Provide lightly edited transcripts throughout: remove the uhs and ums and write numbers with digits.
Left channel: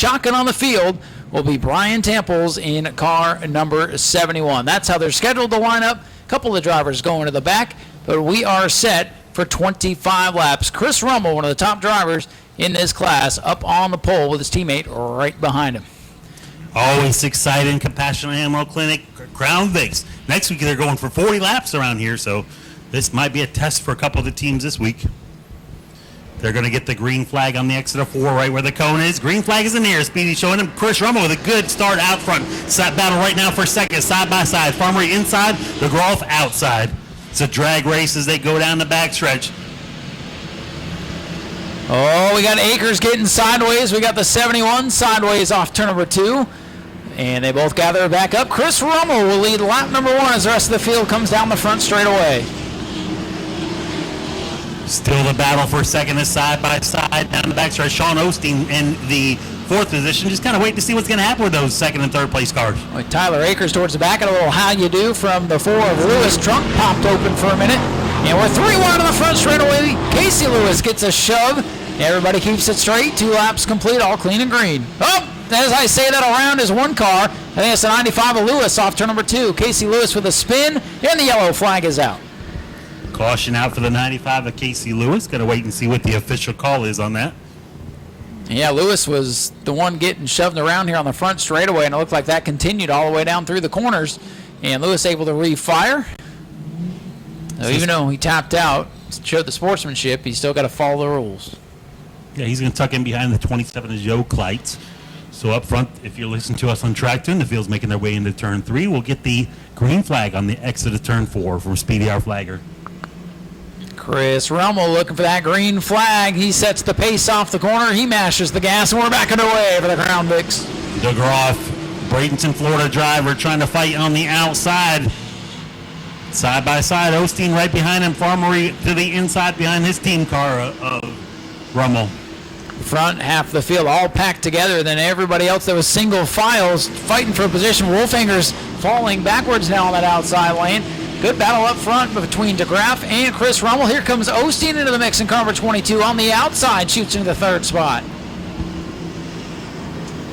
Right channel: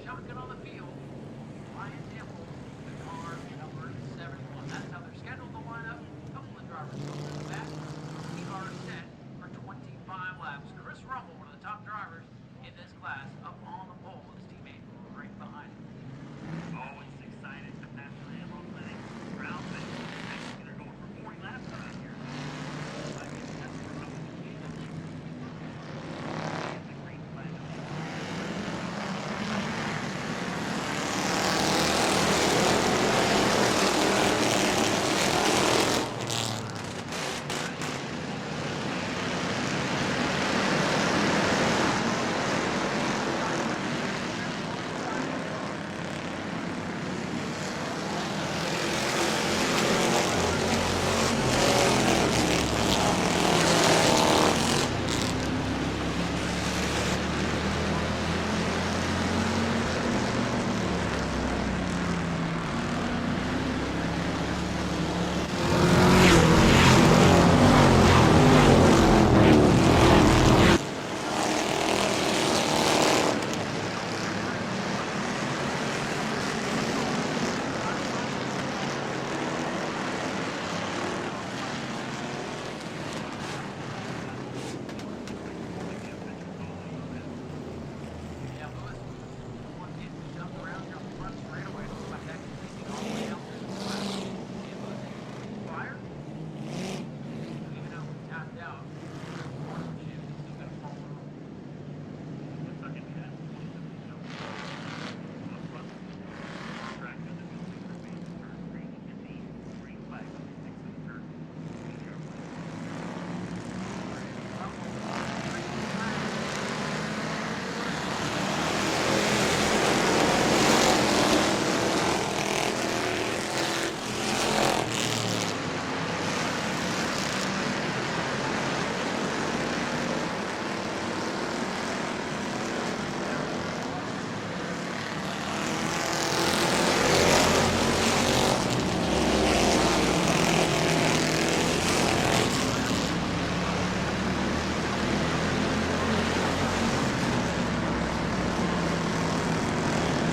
shotgun on the field will be Brian Temples in car number 71. That's how they're scheduled to line up. A couple of drivers going to the back, but we are set for 25 laps. Chris Rummel, one of the top drivers in this class, up on the pole with his teammate right behind him. Always exciting, Compassionate Animal Clinic, Crown Vics. Next week they're going for 40 laps around here, so this might be a test for a couple of the teams this week. They're going to get the green flag on the exit of 4 right where the cone is. Green flag is in the air. Speedy showing him. Chris Rummel with a good start out front. Side battle right now for second, side by side. Farmery inside, DeGroff outside. It's a drag race as they go down the backstretch. Oh, we got Akers getting sideways. We got the 71 sideways off turn number 2. And they both gather back up. Chris Rummel will lead lap number 1 as the rest of the field comes down the front straightaway. Still the battle for second is side by side down the backstretch. Sean Osteen in the 4th position. Just kind of wait to see what's going to happen with those 2nd and 3rd place cars. With Tyler Akers towards the back, and a little how you do from the 4 of Lewis. Trunk popped open for a minute. And we're 3-1 on the front straightaway. Casey Lewis gets a shove. Everybody keeps it straight. 2 laps complete, all clean and green. Oh, as I say that, around is one car. I think it's the 95 of Lewis off turn number 2. Casey Lewis with a spin, and the yellow flag is out. Caution out for the 95 of Casey Lewis. Got to wait and see what the official call is on that. Yeah, Lewis was the one getting shoved around here on the front straightaway, and it looked like that continued all the way down through the corners. And Lewis able to refire. So even though he tapped out, showed the sportsmanship, he's still got to follow the rules. Yeah, he's going to tuck in behind the 27 of Joe Kleitz. So up front, if you're listening to us on track tune, the field's making their way into turn 3. We'll get the green flag on the exit of turn 4 from Speedy our flagger. Chris Rummel looking for that green flag. He sets the pace off the corner. He mashes the gas, and we're back underway for the Crown Vics. DeGroff, Bradenton, Florida driver, trying to fight on the outside. Side by side, Osteen right behind him. Farmery to the inside behind his team car of Rummel. Front half of the field all packed together. Then everybody else that was single files fighting for a position. Wolfinger's falling backwards now on that outside lane. Good battle up front between DeGraff and Chris Rummel. Here comes Osteen into the mix in car number 22 on the outside, shoots into the 3rd spot.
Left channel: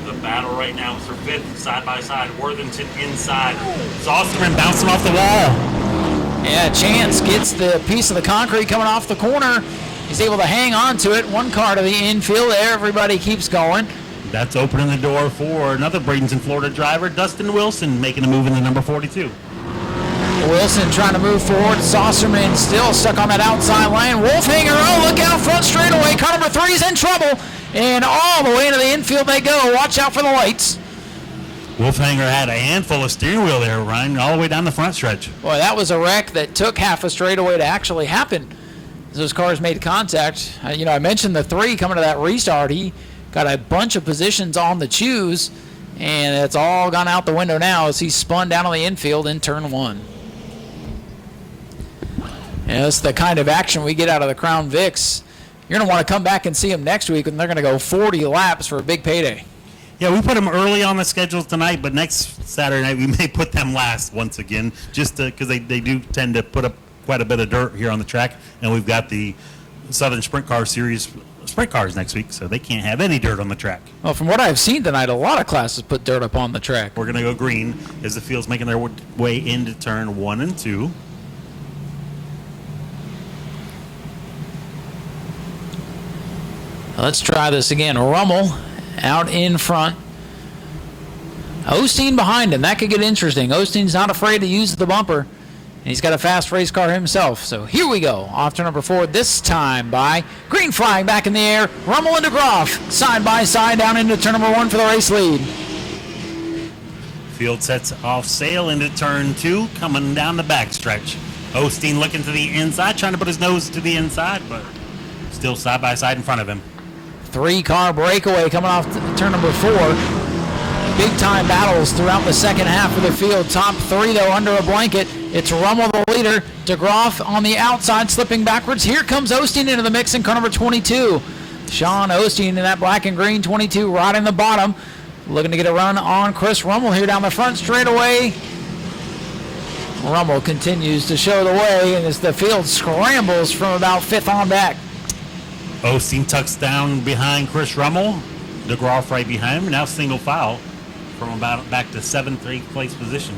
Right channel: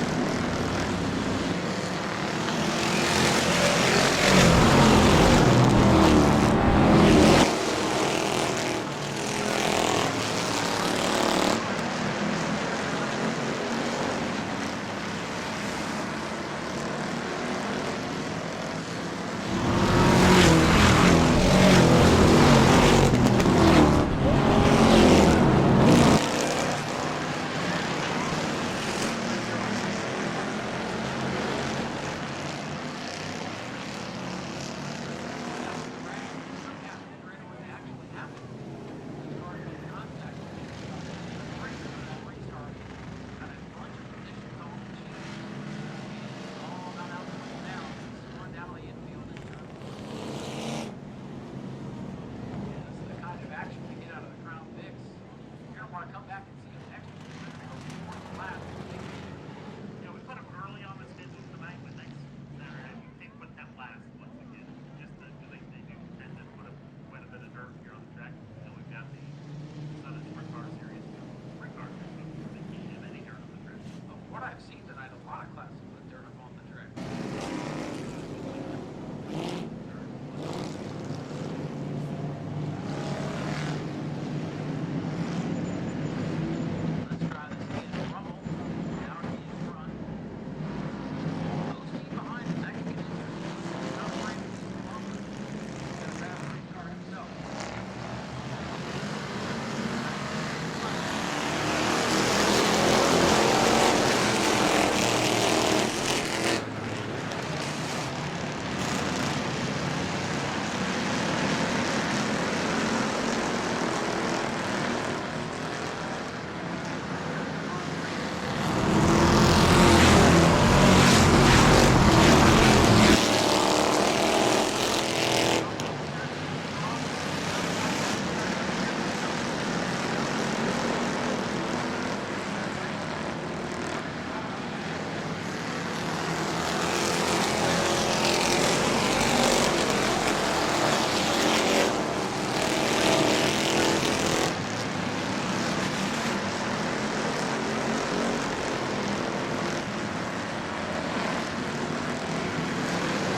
The battle right now for 5th, side by side. Worthington inside. Osterman bouncing off the wall. Yeah, Chance gets the piece of the concrete coming off the corner. He's able to hang on to it. One car to the infield. Everybody keeps going. That's opening the door for another Bradenton, Florida driver, Dustin Wilson, making a move in the number 42. Wilson trying to move forward. Saucerman still stuck on that outside lane. Wolfhanger, oh, look out front straightaway. Car number 3 is in trouble. And all the way into the infield they go. Watch out for the lights. Wolfhanger had a handful of steering wheel there, Ryan, all the way down the front stretch. Boy, that was a wreck that took half a straightaway to actually happen. Those cars made contact. I mentioned the 3 coming to that restart. He got a bunch of positions on the choose, and it's all gone out the window now as he spun down on the infield in turn 1. And that's the kind of action we get out of the Crown Vics. You're going to want to come back and see them next week, and they're going to go 40 laps for a big payday. Yeah, we put them early on the schedule tonight, but next Saturday night we may put them last once again, just because they do tend to put up quite a bit of dirt here on the track, and we've got the Southern Sprint Car Series sprint cars next week, so they can't have any dirt on the track. Well, from what I've seen tonight, a lot of classes put dirt up on the track. We're going to go green as the field's making their way into turn 1 and 2. Let's try this again. Rummel out in front. Osteen behind him. That could get interesting. Osteen's not afraid to use the bumper. And he's got a fast race car himself. So here we go. Off to number 4 this time by green flag back in the air. Rummel and DeGroff side by side down into turn number 1 for the race lead. Field sets off sail into turn 2, coming down the backstretch. Osteen looking to the inside, trying to put his nose to the inside, but still side by side in front of him. 3-car breakaway coming off turn number 4. Big time battles throughout the second half of the field. Top 3 though under a blanket. It's Rummel the leader. DeGroff on the outside slipping backwards. Here comes Osteen into the mix in car number 22. Sean Osteen in that black and green 22 right in the bottom. Looking to get a run on Chris Rummel here down the front straightaway. Rummel continues to show the way, and as the field scrambles from about 5th on back. Osteen tucks down behind Chris Rummel. DeGroff right behind him. Now single file from about back to 7th, 8th place position.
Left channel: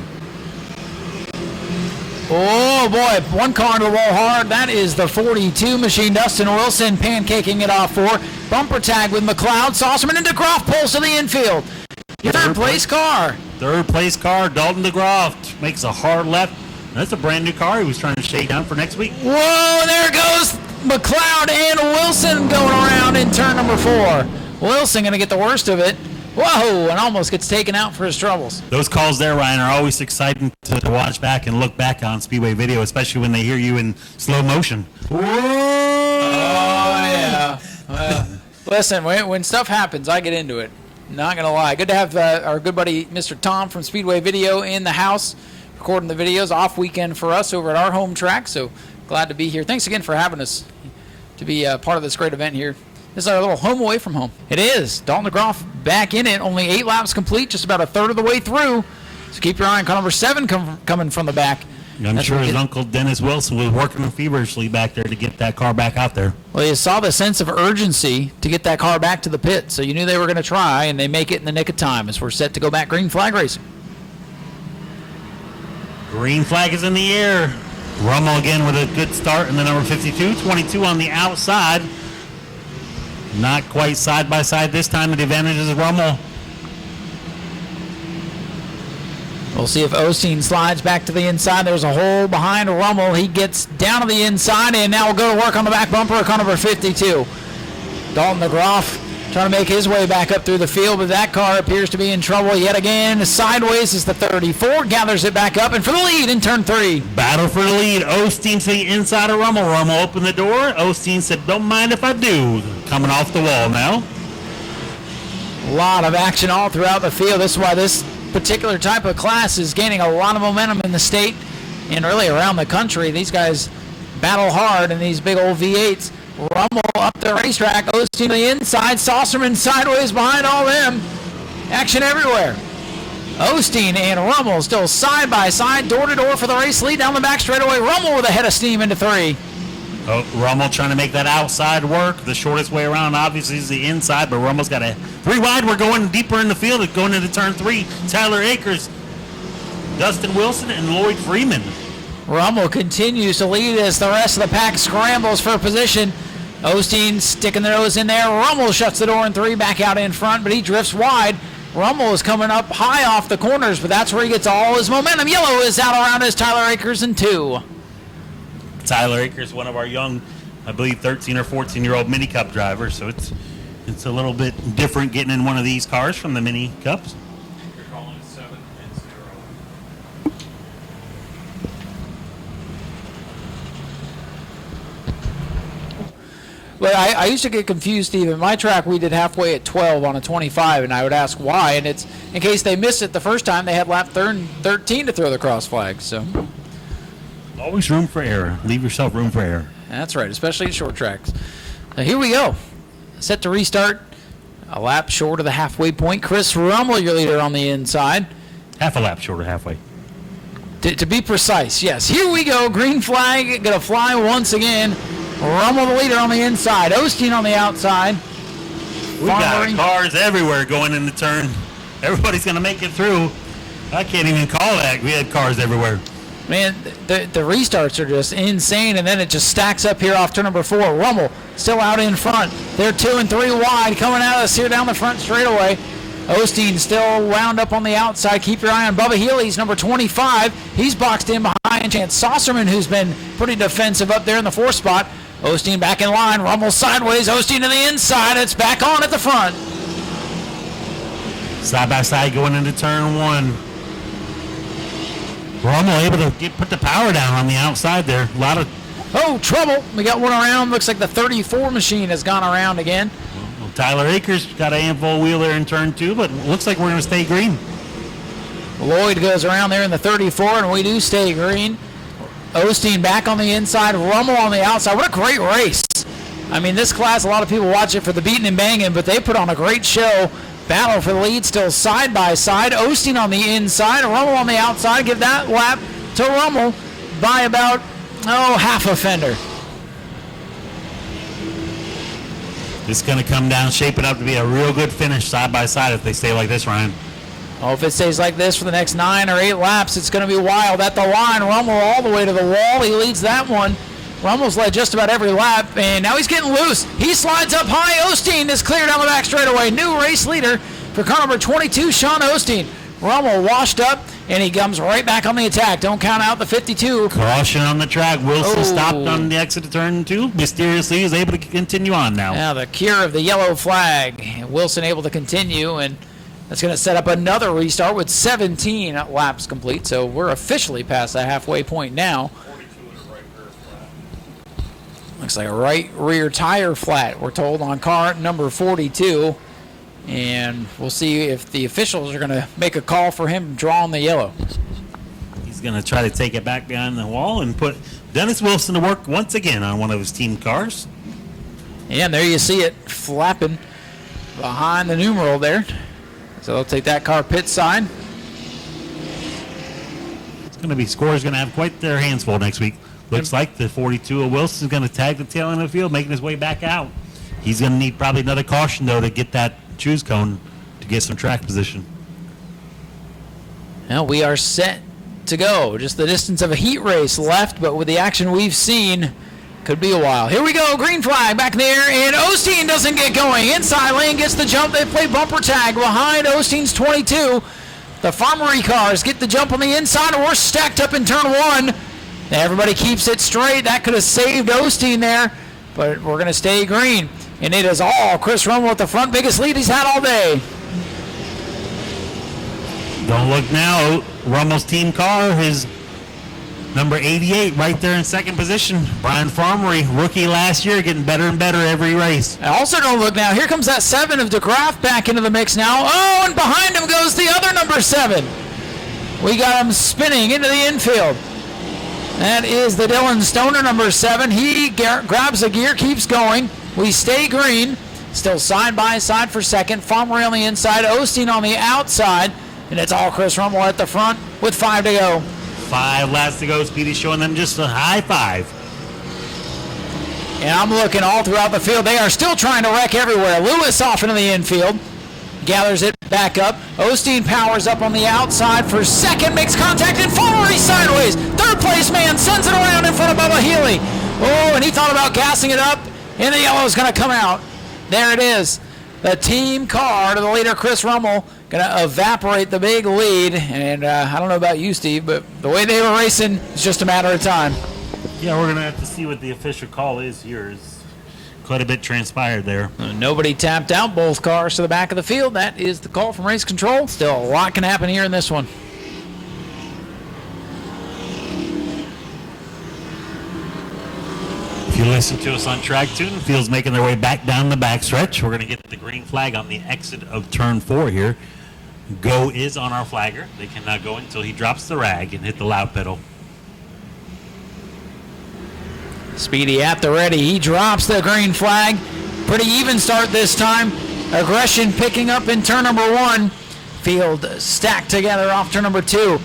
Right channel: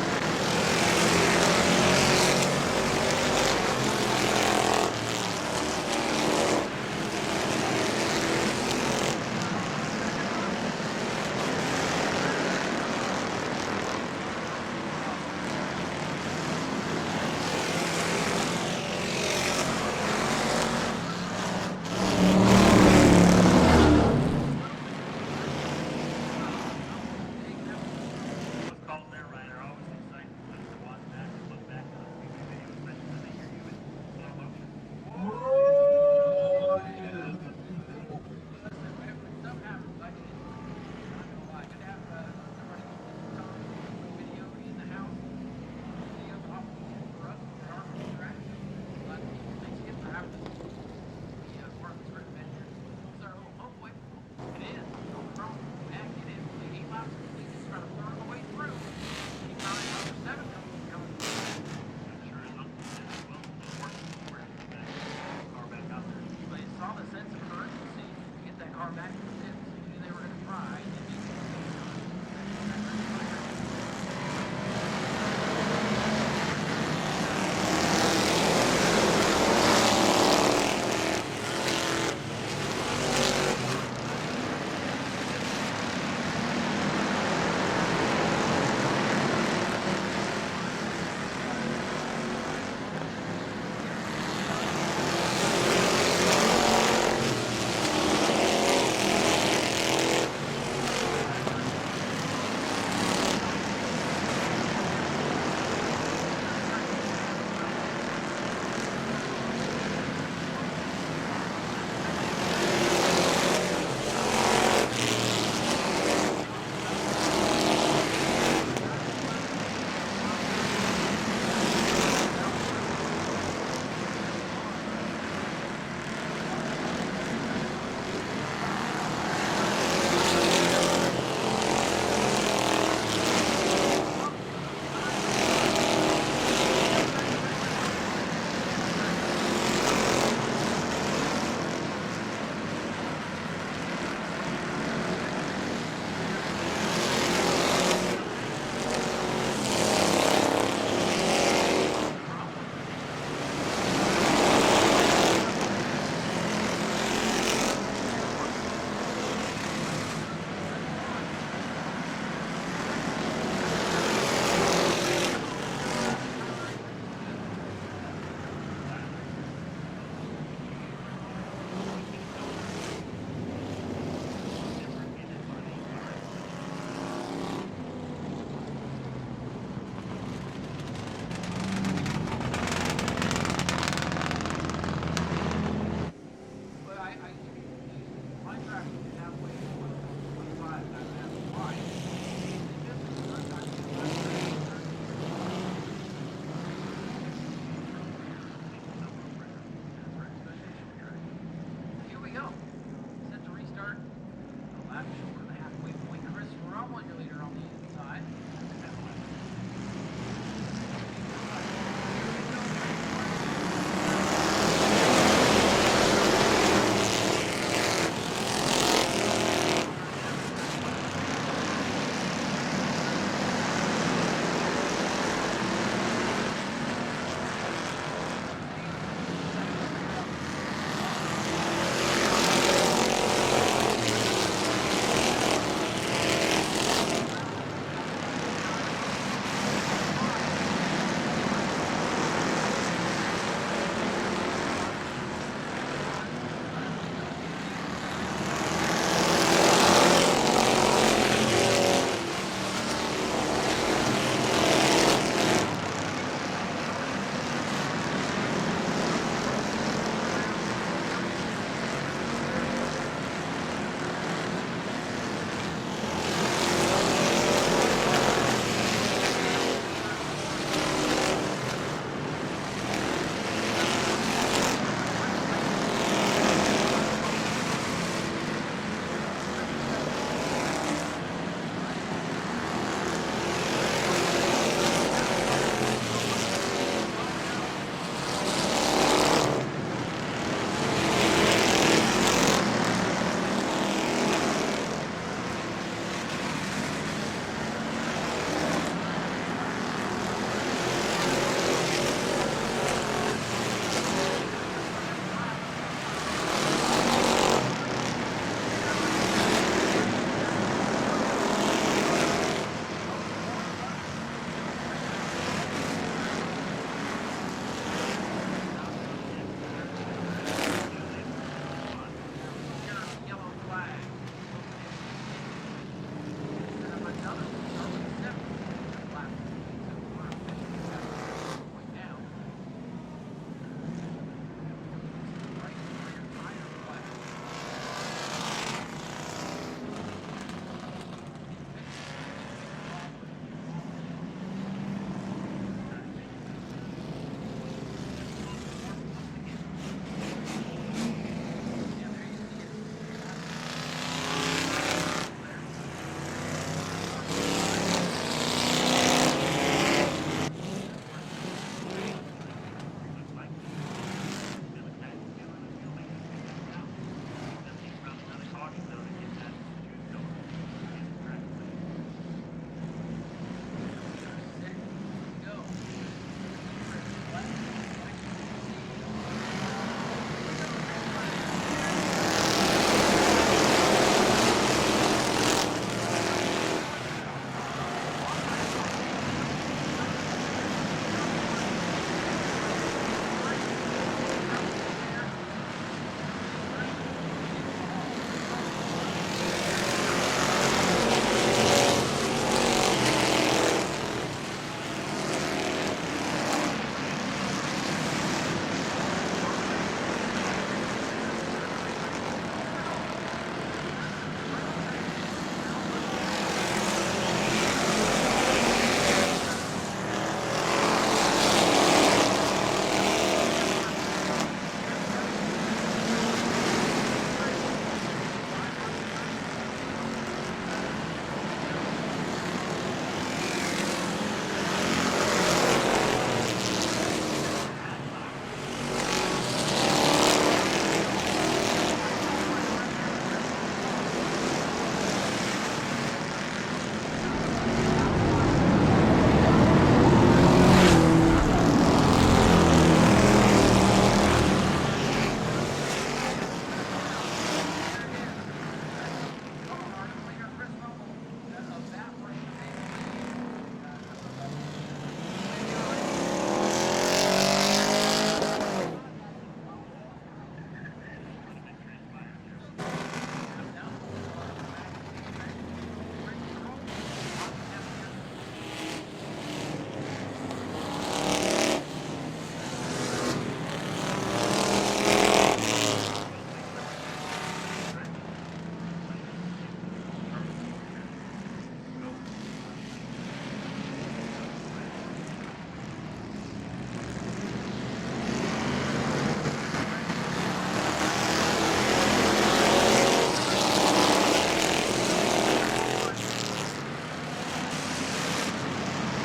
Oh boy, one car to roll hard. That is the 42 machine. Dustin Wilson pancaking it off for. Bumper tag with McLeod. Saucerman and DeGroff pulls to the infield. Third place car. Third place car, Dalton DeGroff makes a hard left. That's a brand new car he was trying to shake down for next week. Whoa, there goes McLeod and Wilson going around in turn number 4. Wilson going to get the worst of it. Whoa, and almost gets taken out for his troubles. Those calls there, Ryan, are always exciting to watch back and look back on Speedway video, especially when they hear you in slow motion. Whoa! Oh, yeah. Listen, when stuff happens, I get into it. Not going to lie. Good to have our good buddy, Mr. Tom from Speedway Video in the house, recording the videos. Off weekend for us over at our home track, so glad to be here. Thanks again for having us to be part of this great event here. This is our little home away from home. It is. Dalton DeGroff back in it. Only 8 laps complete, just about a third of the way through. So keep your eye on car number 7 coming from the back. I'm sure his uncle Dennis Wilson was working feverishly back there to get that car back out there. Well, you saw the sense of urgency to get that car back to the pit, so you knew they were going to try, and they make it in the nick of time as we're set to go back green flag racing. Green flag is in the air. Rummel again with a good start in the number 52. 22 on the outside. Not quite side by side this time. The advantage is Rummel. We'll see if Osteen slides back to the inside. There's a hole behind Rummel. He gets down to the inside, and now we'll go to work on the back bumper of car number 52. Dalton DeGroff trying to make his way back up through the field, but that car appears to be in trouble yet again. Sideways is the 34, gathers it back up, and for the lead in turn 3. Battle for the lead. Osteen to the inside of Rummel. Rummel opened the door. Osteen said, "Don't mind if I do." Coming off the wall now. A lot of action all throughout the field. This is why this particular type of class is gaining a lot of momentum in the state and really around the country. These guys battle hard in these big old V8s. Rummel up the racetrack. Osteen to the inside. Saucerman sideways behind all them. Action everywhere. Osteen and Rummel still side by side, door to door for the race lead down the back straightaway. Rummel with a head of steam into 3. Oh, Rummel trying to make that outside work. The shortest way around obviously is the inside, but Rummel's got a 3 wide. We're going deeper in the field. It's going into turn 3. Tyler Akers, Dustin Wilson, and Lloyd Freeman. Rummel continues to lead as the rest of the pack scrambles for position. Osteen sticking their nose in there. Rummel shuts the door in 3, back out in front, but he drifts wide. Rummel is coming up high off the corners, but that's where he gets all his momentum. Yellow is out around as Tyler Akers in 2. Tyler Akers, one of our young, I believe 13 or 14-year-old mini cup drivers, so it's a little bit different getting in one of these cars from the mini cups. Well, I used to get confused, Steve. In my track, we did halfway at 12 on a 25, and I would ask why. And it's in case they missed it the first time, they had lap 13 to throw the cross flag. So Always room for error. Leave yourself room for error. that's right, especially at short tracks. So here we go. Set to restart. A lap short of the halfway point. Chris Rummel, your leader on the inside. Half a lap short of halfway. To be precise, yes. Here we go. Green flag going to fly once again. Rummel the leader on the inside. Osteen on the outside. We got cars everywhere going in the turn. Everybody's going to make it through. I can't even call that. We had cars everywhere. Man, the restarts are just insane, and then it just stacks up here off turn number 4. Rummel still out in front. They're 2 and 3 wide coming at us here down the front straightaway. Osteen still wound up on the outside. Keep your eye on Bubba Healy's number 25. He's boxed in behind Chance Saucerman, who's been pretty defensive up there in the 4th spot. Osteen back in line. Rummel sideways. Osteen to the inside. It's back on at the front. Side by side going into turn 1. Rummel able to put the power down on the outside there. A lot of... Oh, trouble. We got one around. Looks like the 34 machine has gone around again. Tyler Akers got a handful wheel there in turn 2, but it looks like we're going to stay green. Lloyd goes around there in the 34, and we do stay green. Osteen back on the inside, Rummel on the outside. What a great race. I mean, this class, a lot of people watch it for the beating and banging, but they put on a great show. Battle for the lead still side by side. Osteen on the inside, Rummel on the outside. Give that lap to Rummel by about, half a fender. It's going to come down, shaping up to be a real good finish side by side if they stay like this, Ryan. Oh, if it stays like this for the next 9 or 8 laps, it's going to be wild. At the line, Rummel all the way to the wall. He leads that one. Rummel's led just about every lap, and now he's getting loose. He slides up high. Osteen is cleared down the back straightaway. New race leader for car number 22, Sean Osteen. Rummel washed up, and he comes right back on the attack. Don't count out the 52. Caution on the track. Wilson stopped on the exit of turn 2. Mysteriously is able to continue on now. Now the cure of the yellow flag. Wilson able to continue, and that's going to set up another restart with 17 laps complete. So we're officially past the halfway point now. Looks like a right rear tire flat, we're told, on car number 42. And we'll see if the officials are going to make a call for him drawing the yellow. He's going to try to take it back behind the wall and put Dennis Wilson to work once again on one of his team cars. And there you see it flapping behind the numeral there. So they'll take that car pit side. It's going to be scores going to have quite their hands full next week. Looks like the 42 of Wilson is going to tag the tail end of the field, making his way back out. He's going to need probably another caution, though, to get that choose cone to get some track position. Well, we are set to go. Just the distance of a heat race left, but with the action we've seen, could be a while. Here we go, green flag back in the air, and Osteen doesn't get going. Inside lane gets the jump. They play bumper tag behind Osteen's 22. The Farmery cars get the jump on the inside, and we're stacked up in turn 1. Now everybody keeps it straight. That could have saved Osteen there, but we're going to stay green. And it is all Chris Rummel at the front, biggest lead he's had all day. Don't look now. Rummel's team car, his number 88, right there in second position. Brian Farmery, rookie last year, getting better and better every race. And also don't look now. Here comes that 7 of DeGraff back into the mix now. Oh, and behind him goes the other number 7. We got him spinning into the infield. That is the Dylan Stoner, number 7. He grabs a gear, keeps going. We stay green. Still side by side for second. Farmery on the inside, Osteen on the outside. And it's all Chris Rummel at the front with 5 to go. 5 laps to go. Speedy showing them just a high 5. And I'm looking all throughout the field. They are still trying to wreck everywhere. Lewis off into the infield. Gathers it back up. Osteen powers up on the outside for second. Makes contact and Farmery sideways. Third place man sends it around in front of Bubba Healy. Oh, and he thought about gassing it up. And the yellow is going to come out. There it is. The team car to the leader, Chris Rummel, going to evaporate the big lead. And I don't know about you, Steve, but the way they were racing, it's just a matter of time. Yeah, we're going to have to see what the official call is here. Quite a bit transpired there. Nobody tapped out. Both cars to the back of the field. That is the call from race control. Still a lot can happen here in this one. If you listen to us on track 2, the field's making their way back down the backstretch. We're going to get the green flag on the exit of turn 4 here. Go is on our flagger. They cannot go until he drops the rag and hit the loud pedal. Speedy at the ready. He drops the green flag. Pretty even start this time. Aggression picking up in turn number 1. Field stacked together off turn number 2.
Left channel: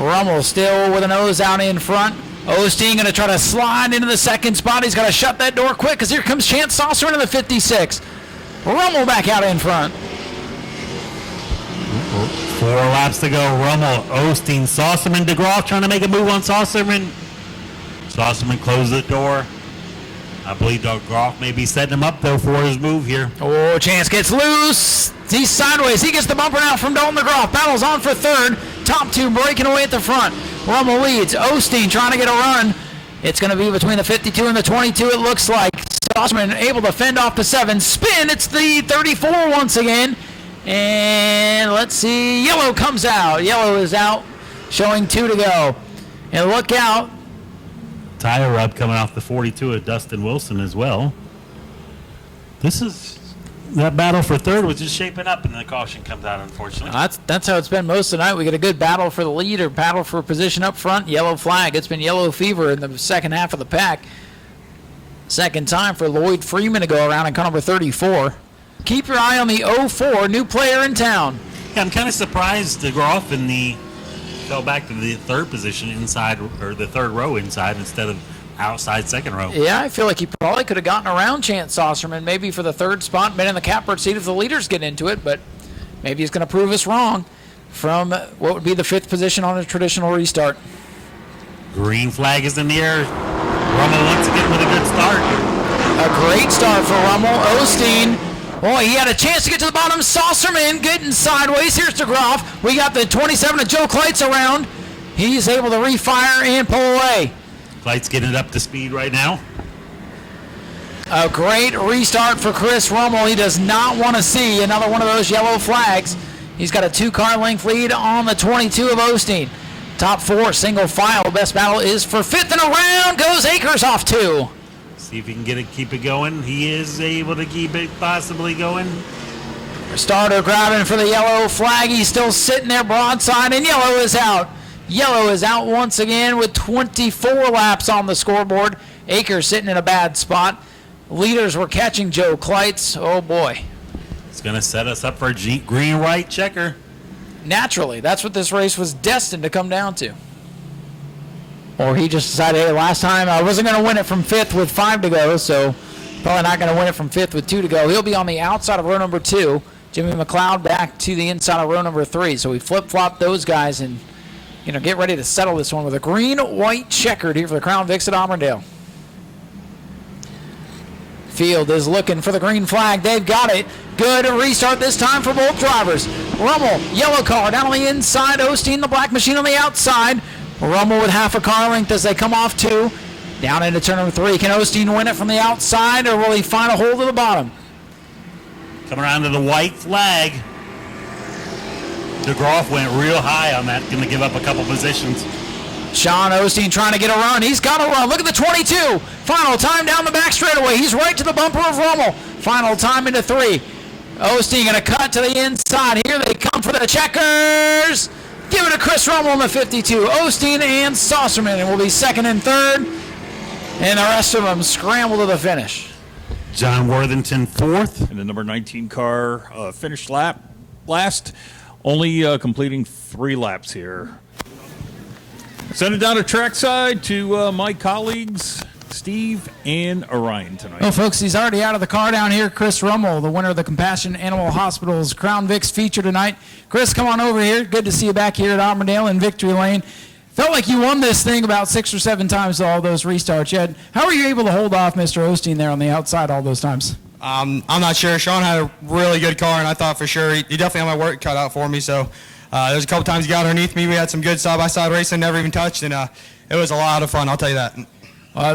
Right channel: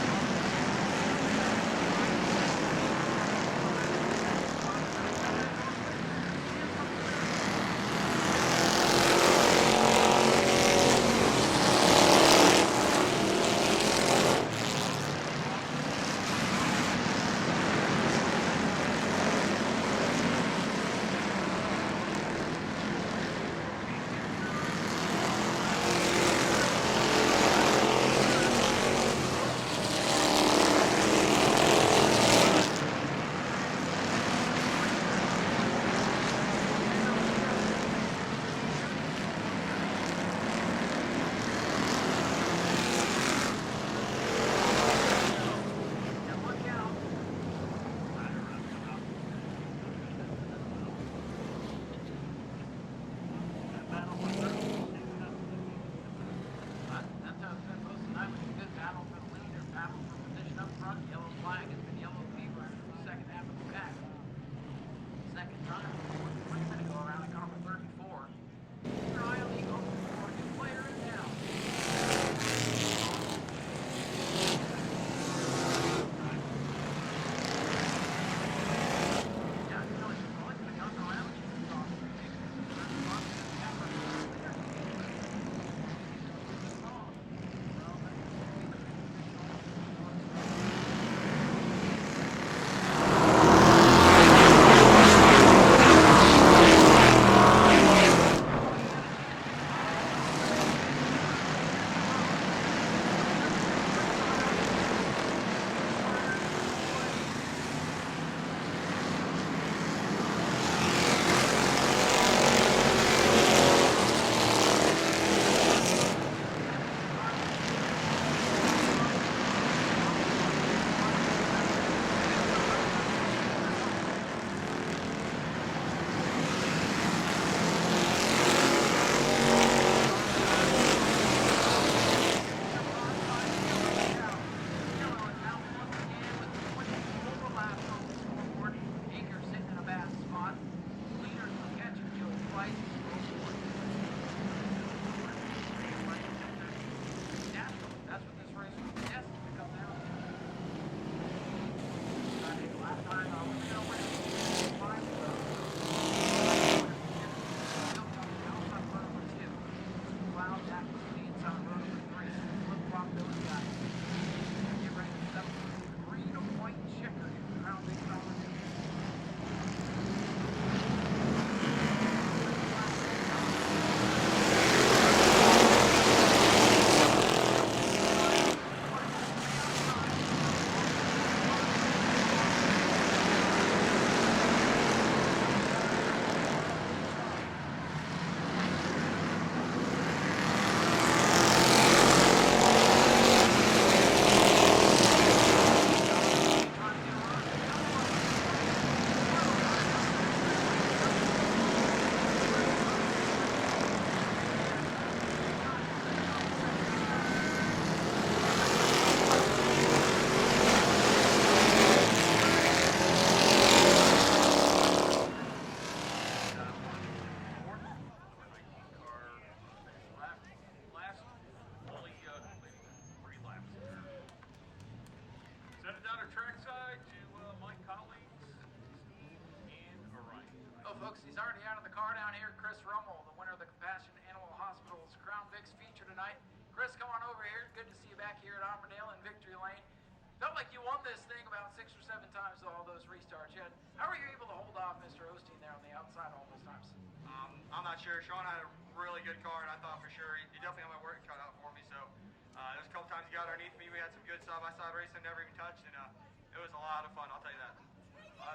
Rummel still with a nose out in front. Osteen going to try to slide into the second spot. He's got to shut that door quick because here comes Chance Saucer into the 56. Rummel back out in front. 4 laps to go. Rummel, Osteen, Saucerman, DeGraff trying to make a move on Saucerman. Saucerman closes the door. I believe DeGraff may be setting him up, though, for his move here. Oh, Chance gets loose. He's sideways. He gets the bumper out from Dalton DeGraff. Battles on for third. Top 2 breaking away at the front. Rummel leads. Osteen trying to get a run. It's going to be between the 52 and the 22, it looks like. Saucerman able to fend off the 7. Spin. It's the 34 once again. And let's see. Yellow comes out. Yellow is out, showing 2 to go. And look out. Tire rub coming off the 42 of Dustin Wilson as well. That battle for third was just shaping up, and the caution comes out, unfortunately. That's how it's been most of the night. We get a good battle for the lead or battle for position up front. Yellow flag. It's been yellow fever in the second half of the pack. Second time for Lloyd Freeman to go around in car number 34. Keep your eye on the 04, new player in town. Yeah, I'm kind of surprised DeGraff fell back to the third position inside, or the third row inside, instead of outside second row. Yeah, I feel like he probably could have gotten around Chance Saucerman maybe for the third spot, been in the catbird seat if the leaders get into it, but maybe he's going to prove us wrong from what would be the 5th position on a traditional restart. Green flag is in the air. Rummel wants to get to the good start. A great start for Rummel. Osteen, boy, he had a chance to get to the bottom. Saucerman getting sideways. Here's DeGroff. We got the 27 of Joe Kleitz around. He's able to refire and pull away. Kleitz getting it up to speed right now. A great restart for Chris Rummel. He does not want to see another one of those yellow flags. He's got a 2-car length lead on the 22 of Osteen. Top 4, single file. Best battle is for 5th, and around goes Akers off 2. See if he can keep it going. He is able to keep it possibly going. Starter grabbing for the yellow flag. He's still sitting there broadside, and yellow is out. Yellow is out once again with 24 laps on the scoreboard. Akers sitting in a bad spot. Leaders were catching Joe Kleitz. Oh boy. It's going to set us up for a green-white checker. Naturally, that's what this race was destined to come down to. Or he just decided, hey, last time I wasn't going to win it from 5th with 5 to go, so probably not going to win it from 5th with 2 to go. He'll be on the outside of row number 2. Jimmy McLeod back to the inside of row number 3. So we flip-flop those guys and get ready to settle this one with a green-white checkered here for the Crown Vics at Auburndale. Field is looking for the green flag. They've got it. Good restart this time for both drivers. Rummel, yellow car down on the inside. Osteen, the black machine on the outside. Rummel with half a car length as they come off 2. Down into turn number 3. Can Osteen win it from the outside, or will he find a hold of the bottom? Coming around to the white flag. DeGroff went real high on that. Going to give up a couple positions. Sean Osteen trying to get a run. He's got a run. Look at the 22. Final time down the back straightaway. He's right to the bumper of Rummel. Final time into 3. Osteen going to cut to the inside. Here they come for the checkers. Give it to Chris Rummel in the 52. Osteen and Saucerman will be 2nd and 3rd. And the rest of them scramble to the finish. John Worthington 4th. And the number 19 car finished last, only completing 3 laps here. Send it down to trackside to my colleagues, Steve and Orion tonight. Well, folks, he's already out of the car down here. Chris Rummel, the winner of the Compassion Animal Hospital's Crown Vics feature tonight. Chris, come on over here. Good to see you back here at Auburndale in Victory Lane. Felt like you won this thing about 6 or 7 times to all those restarts. How were you able to hold off Mr. Osteen there on the outside all those times? I'm not sure. Sean had a really good car, and I thought for sure he definitely had my work cut out for me. So there was a couple times he got underneath me. We had some good side-by-side racing, never even touched, and it was a lot of fun, I'll tell you that.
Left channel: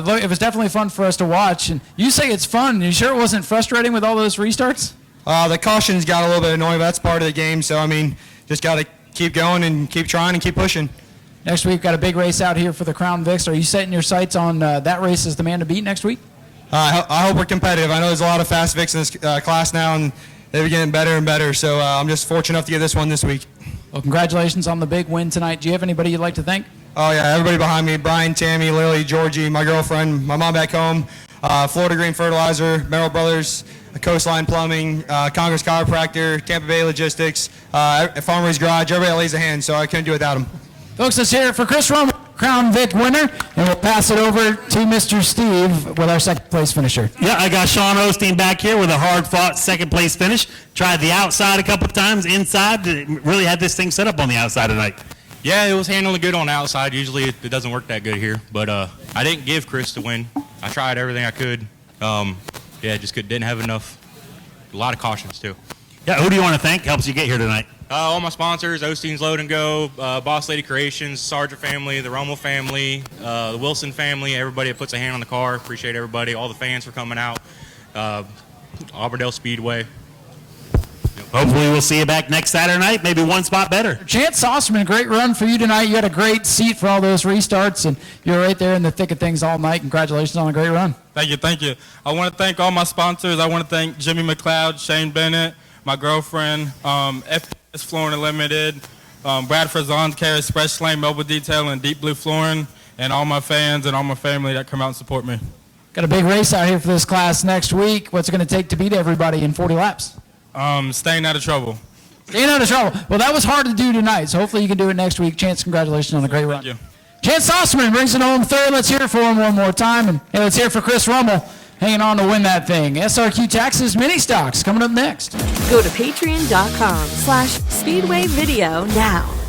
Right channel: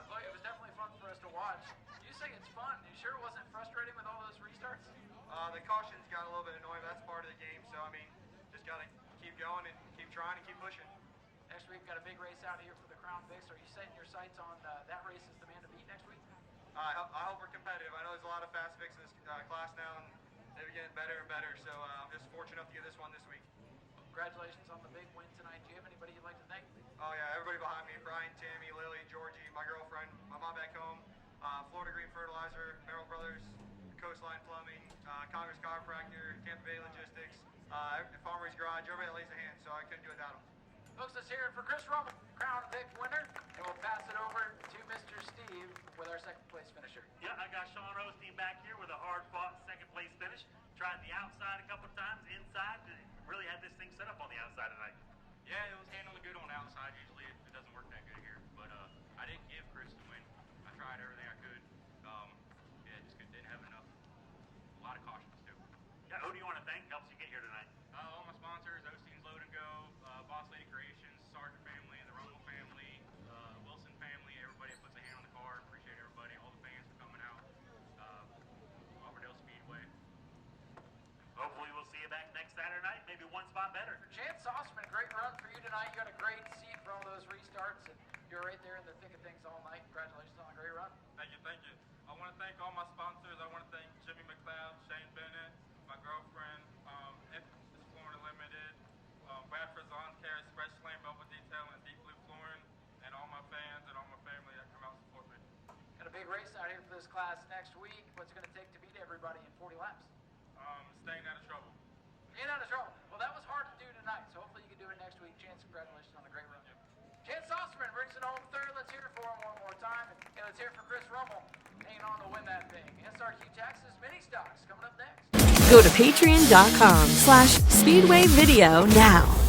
Look, it was definitely fun for us to watch. And you say it's fun. You sure it wasn't frustrating with all those restarts? The cautions got a little bit annoying, but that's part of the game. So, just got to keep going and keep trying and keep pushing. Next week, got a big race out here for the Crown Vics. Are you setting your sights on that race as the man to beat next week? I hope we're competitive. I know there's a lot of fast Vics in this class now, and they're getting better and better. So I'm just fortunate enough to get this one this week. Well, congratulations on the big win tonight. Do you have anybody you'd like to thank? Oh, yeah, everybody behind me, Brian, Tammy, Lily, Georgie, my girlfriend, my mom back home, Florida Green Fertilizer, Merrill Brothers, Coastline Plumbing, Congress Chiropractor, Tampa Bay Logistics, Farmer's Garage, everybody that lays a hand, so I couldn't do it without them. Folks, let's hear it for Chris Rummel, Crown Vic winner, and we'll pass it over to Mr. Steve with our 2nd place finisher. Yeah, I got Sean Osteen back here with a hard-fought 2nd place finish. Tried the outside a couple of times, inside. Really had this thing set up on the outside tonight. Yeah, it was handling good on the outside. Usually it doesn't work that good here, but I didn't give Chris the win. I tried everything I could. Just didn't have enough. A lot of cautions too. Yeah, who do you want to thank? Helps you get here tonight. All my sponsors: Osteen's Load and Go, Boss Lady Creations, Sargent family, the Rummel family, the Wilson family. Everybody that puts a hand on the car. Appreciate everybody. All the fans for coming out. Auburndale Speedway. Hopefully we'll see you back next Saturday night, maybe one spot better. Chance Saucerman, great run for you tonight. You had a great seat for all those restarts, and you were right there in the thick of things all night. Congratulations on a great run. Thank you. I want to thank all my sponsors. I want to thank Jimmy McLeod, Shane Bennett, my girlfriend, FS Flooring Unlimited, Bradford Zons, Care Express Lane, Mobile Detail, and Deep Blue Flooring, and all my fans and all my family that come out and support me. Got a big race out here for this class next week. What's it going to take to beat everybody in 40 laps? Staying out of trouble. Staying out of trouble. Well, that was hard to do tonight, so hopefully you can do it next week. Chance, congratulations on a great run. Thank you. Chance Osman brings it home third. Let's hear it for him one more time. And hey, let's hear it for Chris Rummel hanging on to win that thing. SRQ Taxes Mini Stocks coming up next. Go to patreon.com/Speedway Video now.